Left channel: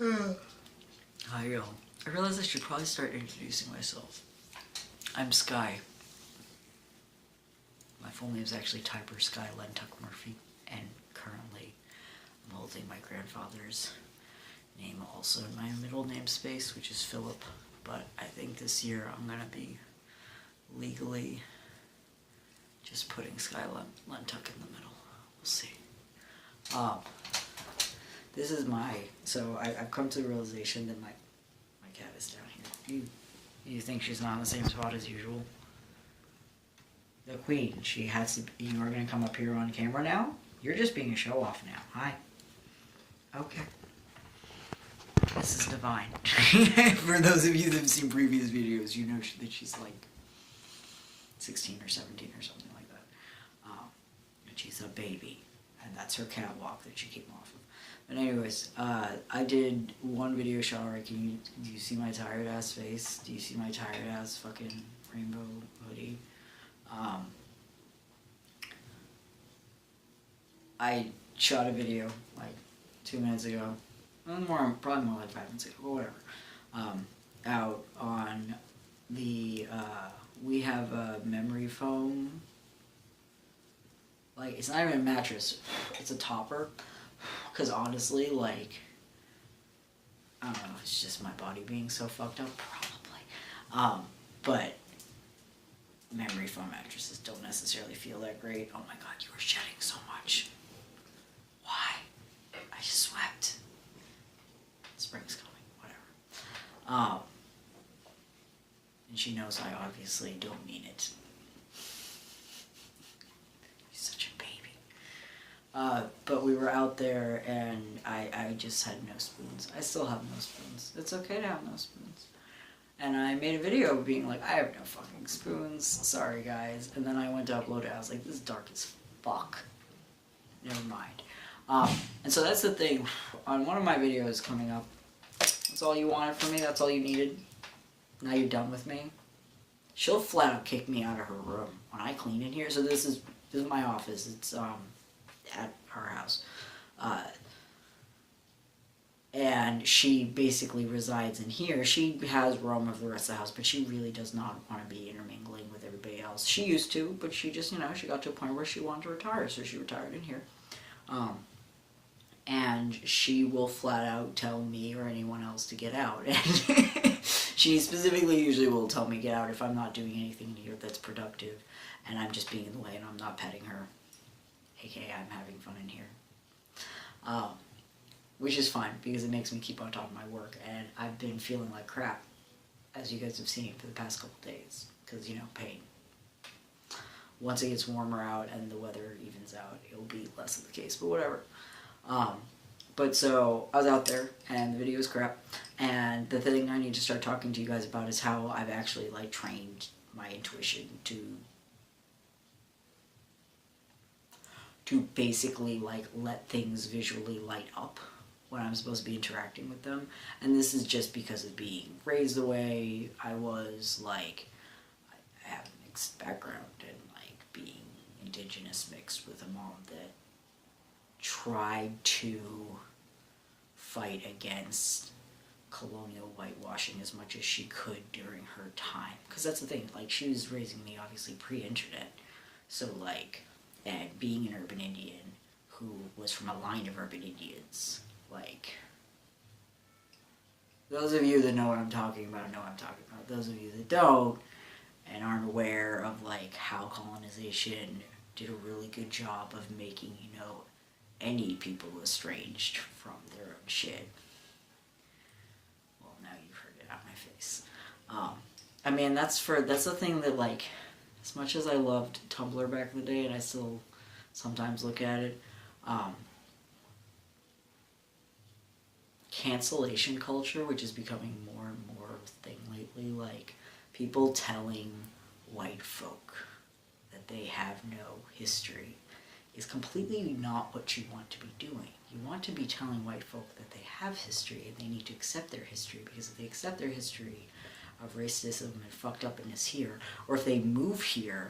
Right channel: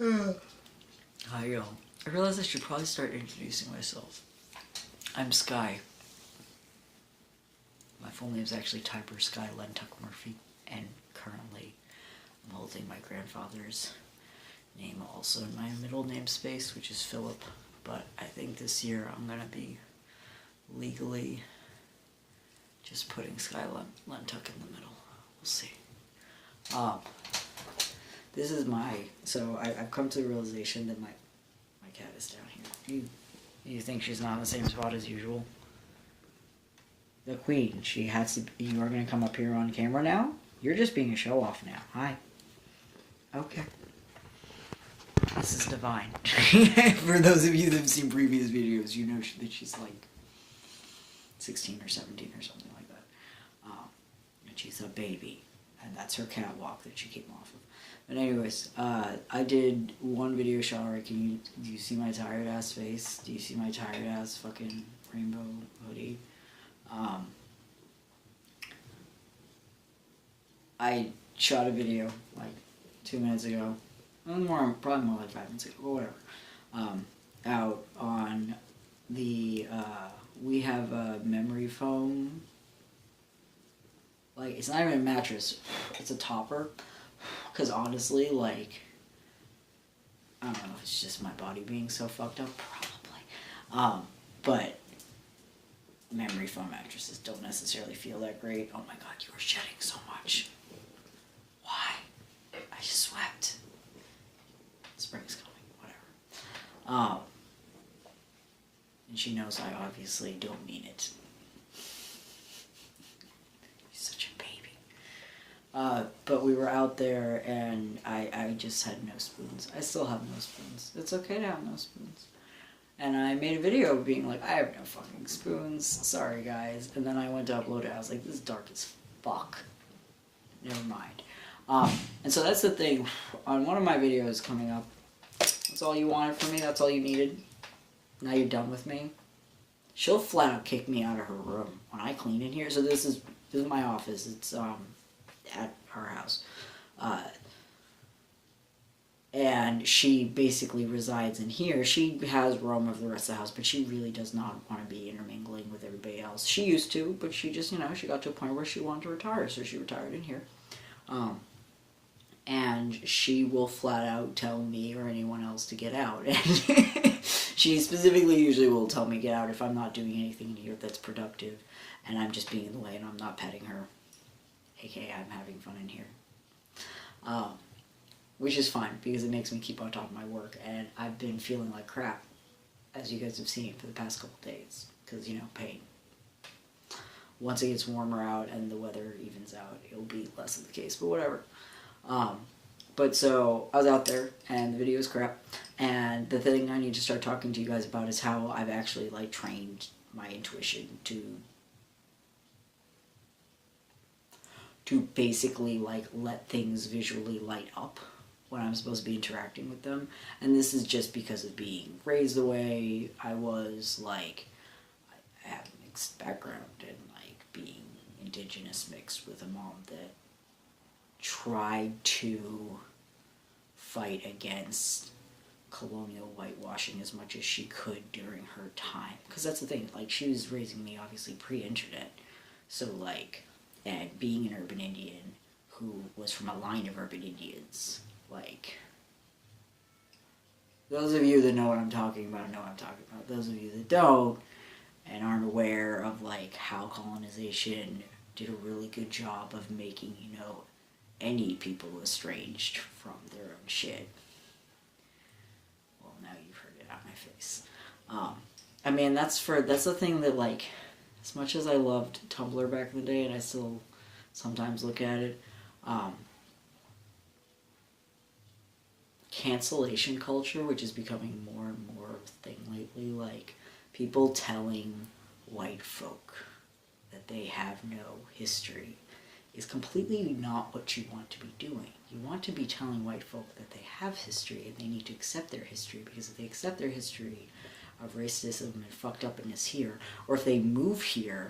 Hi, I realized I should probably start introducing myself. I'm Sky. My full name is actually Typer Sky Lentuck Murphy, and currently I'm holding my grandfather's name also in my middle name space, which is Philip. But I think this year I'm gonna be legally just putting Sky Lentuck in the middle. We'll see. This is I've come to the realization that my cat is down here. You think she's not in the same spot as usual? The queen, you are going to come up here on camera now? You're just being a show-off now. Hi. Okay. This is divine. For those of you that have seen previous videos, you know that she's like 16 or 17 or something like that. And she's a baby. And that's her catwalk that she came off of. But anyways, I did one video shower. Do you see my tired ass face? Do you see my tired ass fucking rainbow hoodie? I shot a video like 2 minutes ago, probably more like 5 minutes ago, but whatever. Out on the we have a memory foam. Like, it's not even a mattress; it's a topper. Because honestly, like, I don't know, it's just my body being so fucked up, probably. But memory foam mattresses don't necessarily feel that great. Oh my god, you were shedding so much. Why? I just swept. Spring's coming, whatever. And she knows I obviously don't mean it. But we were out there, and I just had no spoons. I still have no spoons. It's okay to have no spoons. And I made a video being like, I have no fucking spoons. Sorry, guys. And then I went to upload it. I was like, this is dark as fuck. Never mind. And so that's the thing. On one of my videos coming up, that's all you wanted from me? That's all you needed? Now you're done with me? She'll flat out kick me out of her room when I clean in here. So this is my office. It's, at our house. And she basically resides in here. She has room of the rest of the house, but she really does not want to be intermingling with everybody else. She used to, but she just, she got to a point where she wanted to retire, so she retired in here. And she will flat out tell me or anyone else to get out. And she specifically usually will tell me to get out if I'm not doing anything in here that's productive, and I'm just being in the way and I'm not petting her. AKA, I'm having fun in here. Which is fine, because it makes me keep on top of my work, and I've been feeling like crap, as you guys have seen for the past couple days, because, pain. Once it gets warmer out and the weather evens out, it'll be less of the case, but whatever. But so, I was out there, and the video was crap, and the thing I need to start talking to you guys about is how I've actually, trained my intuition to basically, let things visually light up when I'm supposed to be interacting with them. And this is just because of being raised the way I was, I have a mixed background, and, being indigenous mixed with a mom that tried to fight against colonial whitewashing as much as she could during her time. Because that's the thing, she was raising me, obviously, pre-internet. So, and being an urban Indian who was from a line of urban Indians, those of you that know what I'm talking about know what I'm talking about. Those of you that don't and aren't aware of, how colonization did a really good job of making, any people estranged from their own shit. Well, now you've heard it out my face. That's the thing that, as much as I loved Tumblr back in the day, and I still sometimes look at it, cancellation culture, which is becoming more and more of a thing lately, people telling white folk that they have no history, is completely not what you want to be doing. You want to be telling white folk that they have history, and they need to accept their history, because if they accept their history of racism and fucked upness here, or if they move here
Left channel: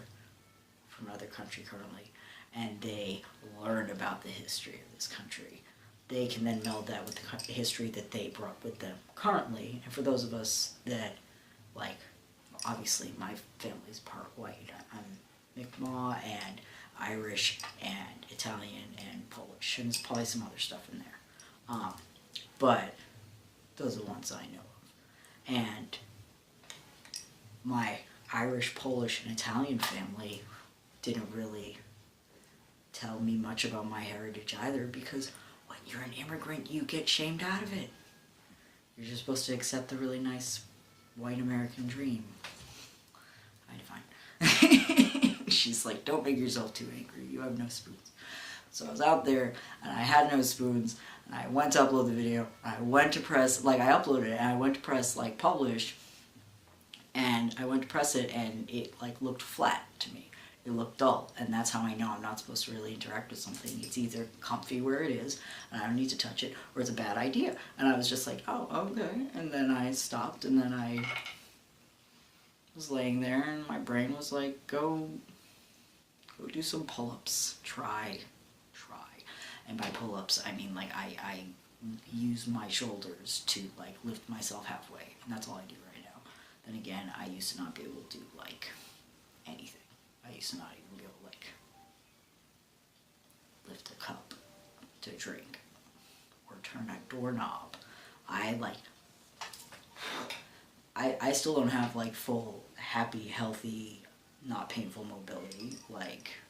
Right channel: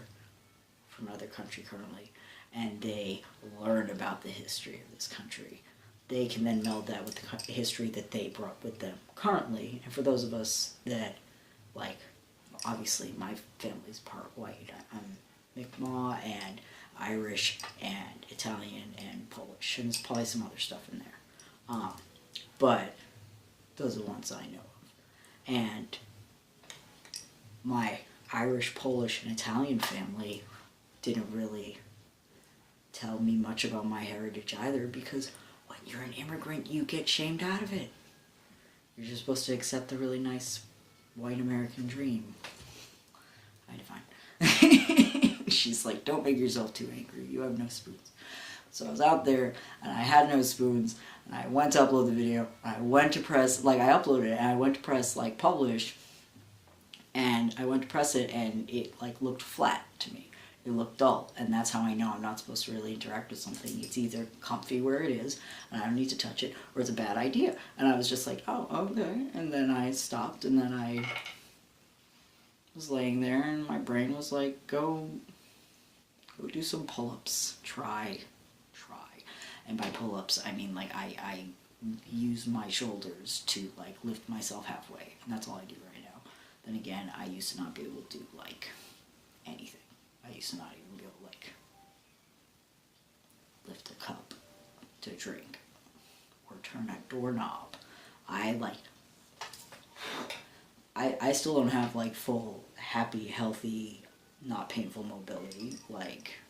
from another country currently, and they learn about the history of this country, they can then meld that with the history that they brought with them currently. And for those of us that, like, obviously my family's part white. I'm Mi'kmaq and Irish and Italian and Polish, and there's probably some other stuff in there. But those are the ones I know of. And my Irish, Polish, and Italian family didn't really tell me much about my heritage either, because when you're an immigrant, you get shamed out of it. You're just supposed to accept the really nice white American dream. Kind of fine. She's like, don't make yourself too angry. You have no spoons. So I was out there, and I had no spoons, and I went to upload the video. I went to press, like, I uploaded it, and I went to press, like, publish, and I went to press it, and it, like, looked flat to me. It looked dull, and that's how I know I'm not supposed to really interact with something. It's either comfy where it is, and I don't need to touch it, or it's a bad idea. And I was just like, oh, okay. And then I stopped, and then I was laying there, and my brain was like, go do some pull-ups. Try. And by pull-ups, I mean, like, I use my shoulders to, like, lift myself halfway, and that's all I do right now. Then again, I used to not be able to do, like, anything. I used to not even be able to, like, lift a cup to drink or turn a doorknob. I still don't have, like, full, happy, healthy, not painful mobility. Like,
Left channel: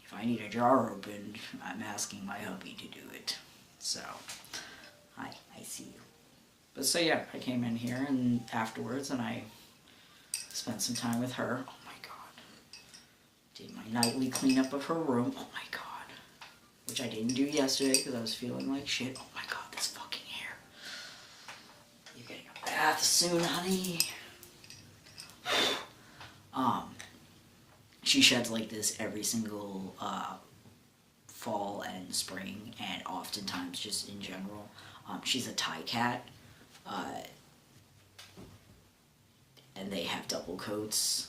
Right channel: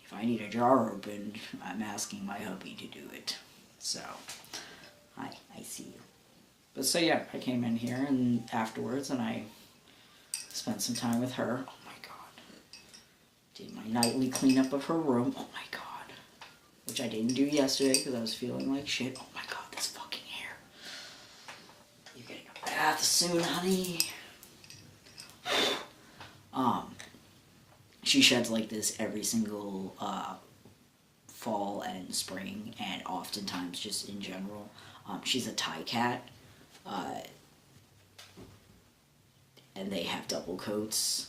if I need a jar opened, I'm asking my hubby to do it. So, hi, I see you. But so yeah, I came in here and afterwards, and I spent some time with her. Oh my god. Did my nightly cleanup of her room. Oh my god. Which I didn't do yesterday because I was feeling like shit. Oh my god, this fucking hair. You're getting a bath soon, honey. She sheds like this every single fall and spring, and oftentimes just in general. She's a Thai cat. And they have double coats,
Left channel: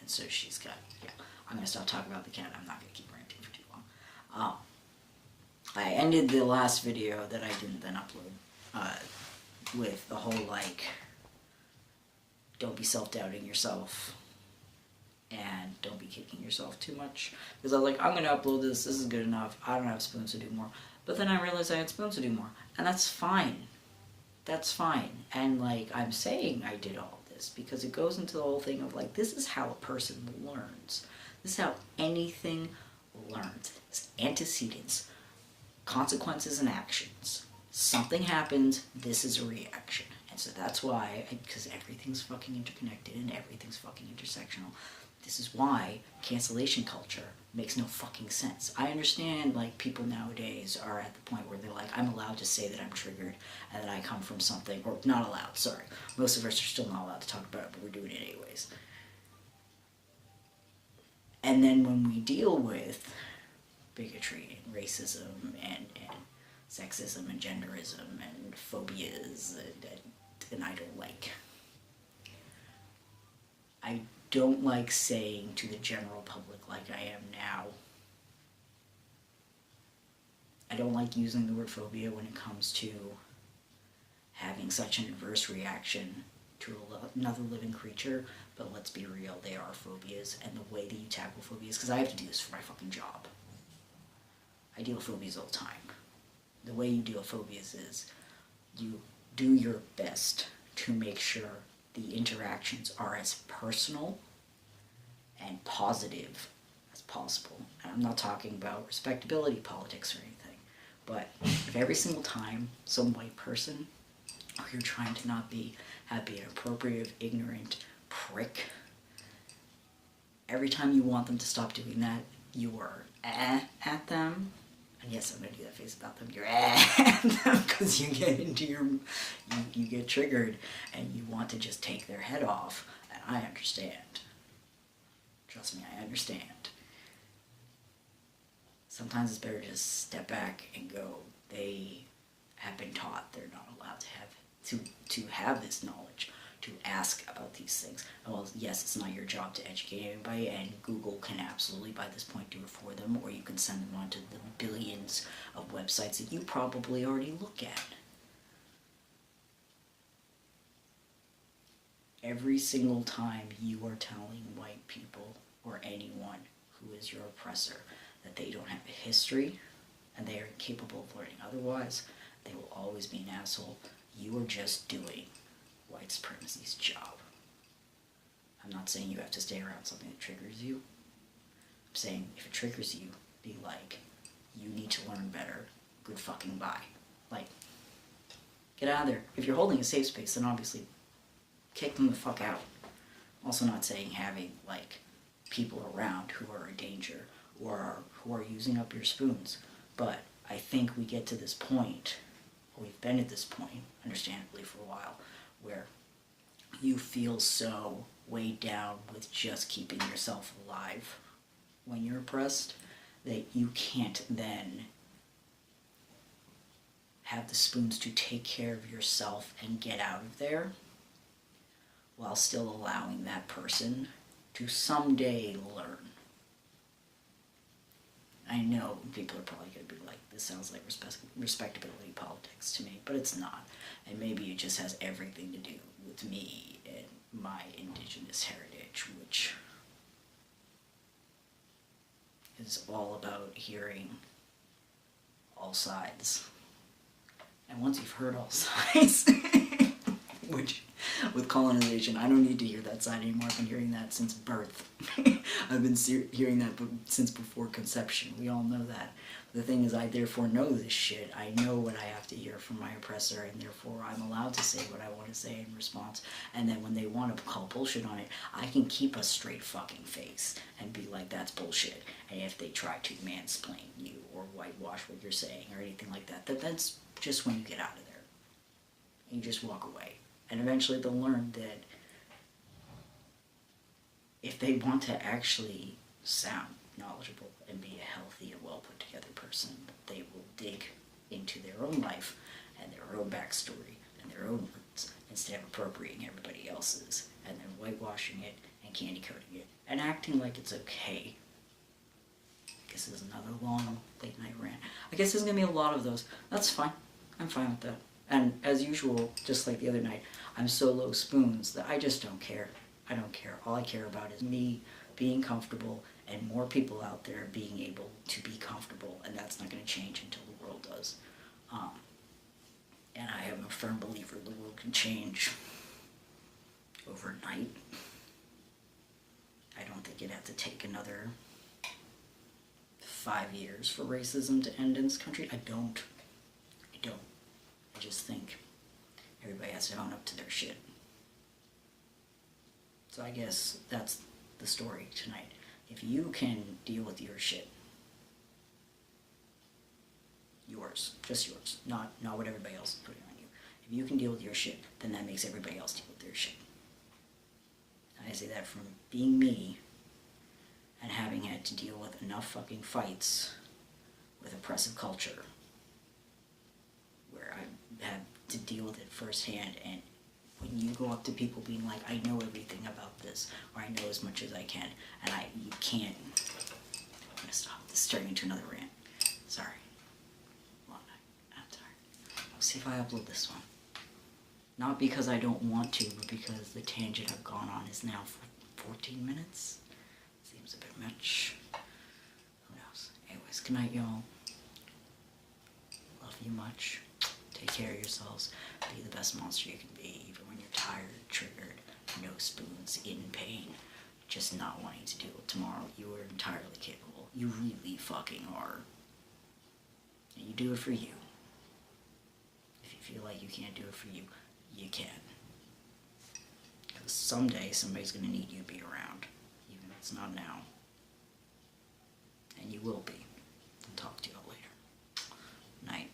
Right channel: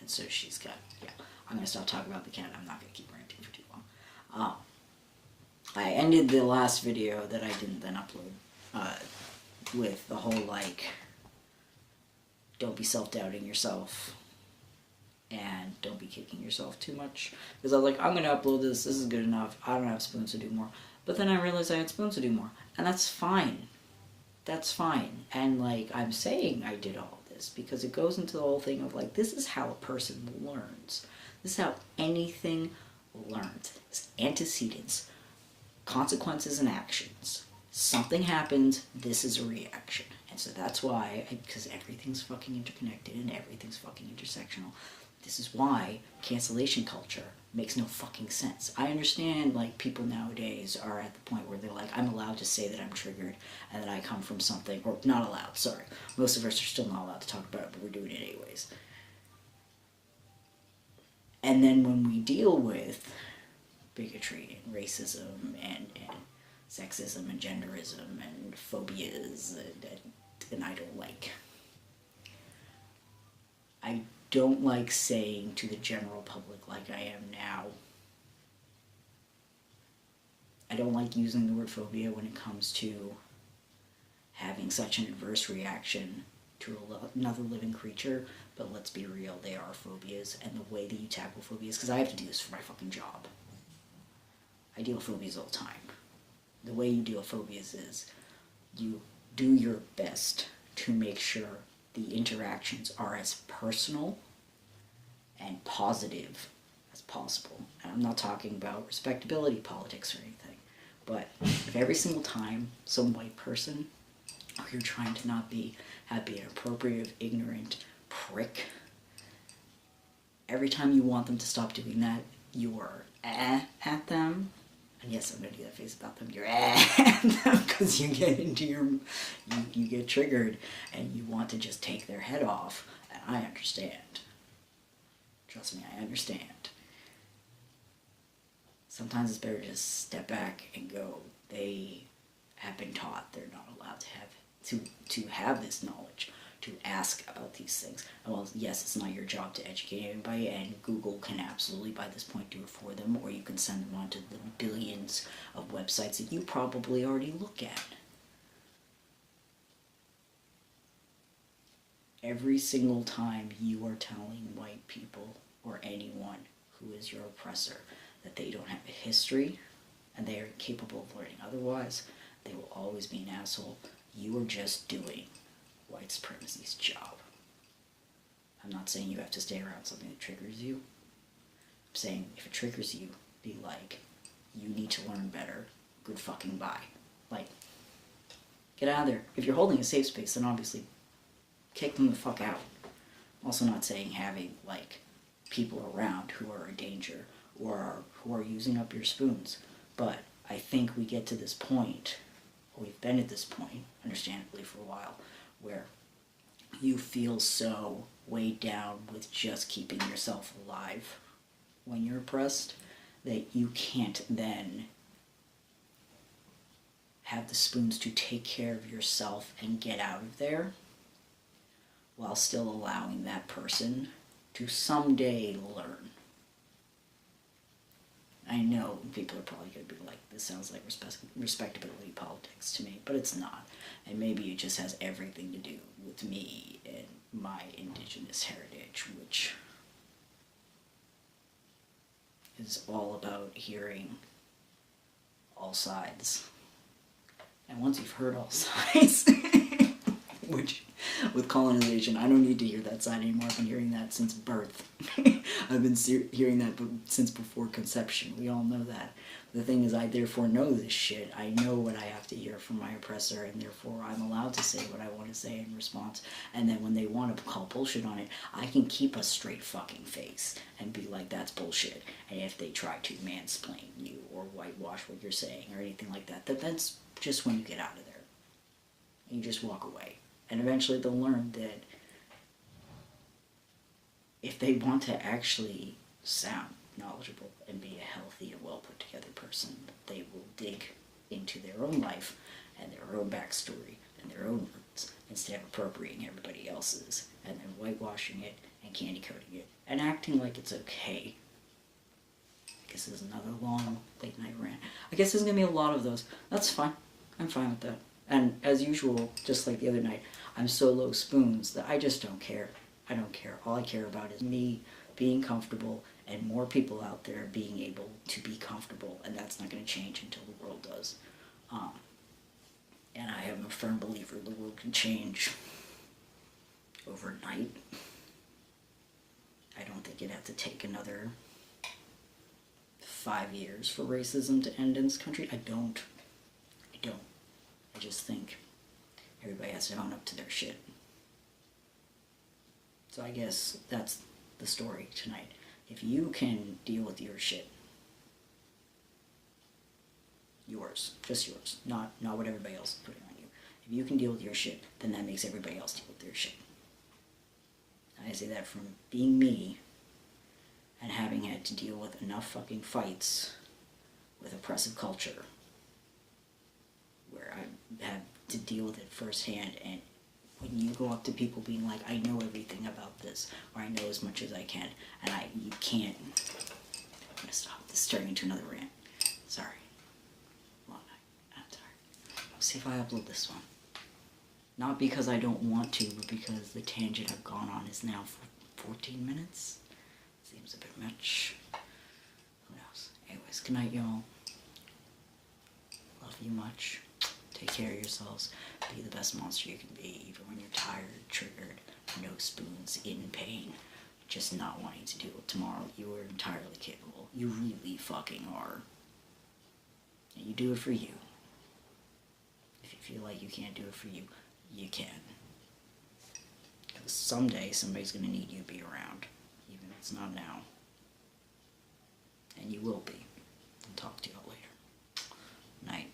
and so she's got, yeah, I'm going to stop talking about the cat, I'm not going to keep ranting for too long. I ended the last video that I didn't then upload, with the whole, like, don't be self-doubting yourself, and don't be kicking yourself too much, because I was like, I'm going to upload this is good enough, I don't have spoons to do more, but then I realized I had spoons to do more, and that's fine. That's fine. And, like, I'm saying I did all this because it goes into the whole thing of, like, this is how a person learns. This is how anything learns. It's antecedents, consequences, and actions. Something happens, this is a reaction. And so that's why, because everything's fucking interconnected and everything's fucking intersectional, this is why cancellation culture makes no fucking sense. I understand, like, people nowadays are at the point where they're like, I'm allowed to say that I'm triggered and that I come from something, or not allowed, sorry. Most of us are still not allowed to talk about it, but we're doing it anyways. And then when we deal with bigotry and racism and sexism and genderism and phobias, and I don't like saying to the general public like I am now. I don't like using the word phobia when it comes to having such an adverse reaction to another living creature, but let's be real, they are phobias, and the way that you tackle phobias, because I have to do this for my fucking job. I deal with phobias all the time. The way you deal with phobias is you do your best to make sure the interactions are as personal and positive as possible. And I'm not talking about respectability politics or anything, but if every single time some white person, or you're trying to not be an appropriate, ignorant prick, every time you want them to stop doing that, you are at them. And yes, I'm going to do that face about them. You're at them because you get into you get triggered and you want to just take their head off. And I understand. Trust me, I understand. Sometimes it's better to just step back and go, they have been taught they're not allowed to have this knowledge, to ask about these things. Well, yes, it's not your job to educate anybody, and Google can absolutely, by this point, do it for them, or you can send them on to the billions of websites that you probably already look at. Every single time you are telling white people or anyone who is your oppressor that they don't have a history and they are incapable of learning otherwise, they will always be an asshole. You are just doing white supremacy's job. I'm not saying you have to stay around something that triggers you. I'm saying if it triggers you, be like, you need to learn better. Good fucking bye. Like, get out of there. If you're holding a safe space, then obviously kick them the fuck out. Also not saying having, like, people around who are a danger or who are using up your spoons. But I think we get to this point, or we've been at this point, understandably for a while, where you feel so weighed down with just keeping yourself alive when you're oppressed that you can't then have the spoons to take care of yourself and get out of there while still allowing that person to someday learn. I know people are probably going to be like, this sounds like respectability politics to me, but it's not. And maybe it just has everything to do with me and my indigenous heritage, which is all about hearing all sides. And once you've heard all sides, which with colonization, I don't need to hear that side anymore. I've been hearing that since birth. I've been hearing that since before conception. We all know that. The thing is, I therefore know this shit. I know what I have to hear from my oppressor, and therefore I'm allowed to say what I want to say in response. And then when they want to call bullshit on it, I can keep a straight fucking face and be like, that's bullshit. And if they try to mansplain you or whitewash what you're saying or anything like that, that's just when you get out of there. You just walk away. And eventually they'll learn that if they want to actually sound knowledgeable and be a healthy and well put together person, they will dig into their own life and their own backstory and their own roots instead of appropriating everybody else's and then whitewashing it and candy coating it and acting like it's okay. I guess this is another long late night rant. I guess there's going to be a lot of those. That's fine. I'm fine with that. And as usual, just like the other night, I'm so low spoons that I just don't care. I don't care. All I care about is me being comfortable and more people out there being able to be comfortable, and that's not going to change until the world does. And I am a firm believer the world can change overnight. I don't think it'd have to take another 5 years for racism to end in this country. I don't. I just think everybody has to own up to their shit. So I guess that's the story tonight. If you can deal with your shit, yours, just yours, not what everybody else is putting on you. If you can deal with your shit, then that makes everybody else deal with their shit. I say that from being me and having had to deal with enough fucking fights with oppressive culture where I had to deal with it firsthand. And when you go up to people being like, I know everything about this, or I know as much as I can, and you can't. I'm gonna stop. This is turning into another rant. Sorry. Long night. I'm sorry. I'll see if I upload this one. Not because I don't want to, but because the tangent I've gone on is now for 14 minutes. Seems a bit much. Who knows? Anyways, good night, y'all. Love you much. Take care of yourselves. Be the best monster you can be, even when you're tired, triggered, no spoons, in pain, just not wanting to deal with tomorrow. You are entirely capable. You really fucking are. And you do it for you. If you feel like you can't do it for you, you can. Because someday somebody's going to need you to be around, even if it's not now. And you will be. I'll talk to you all later. Night.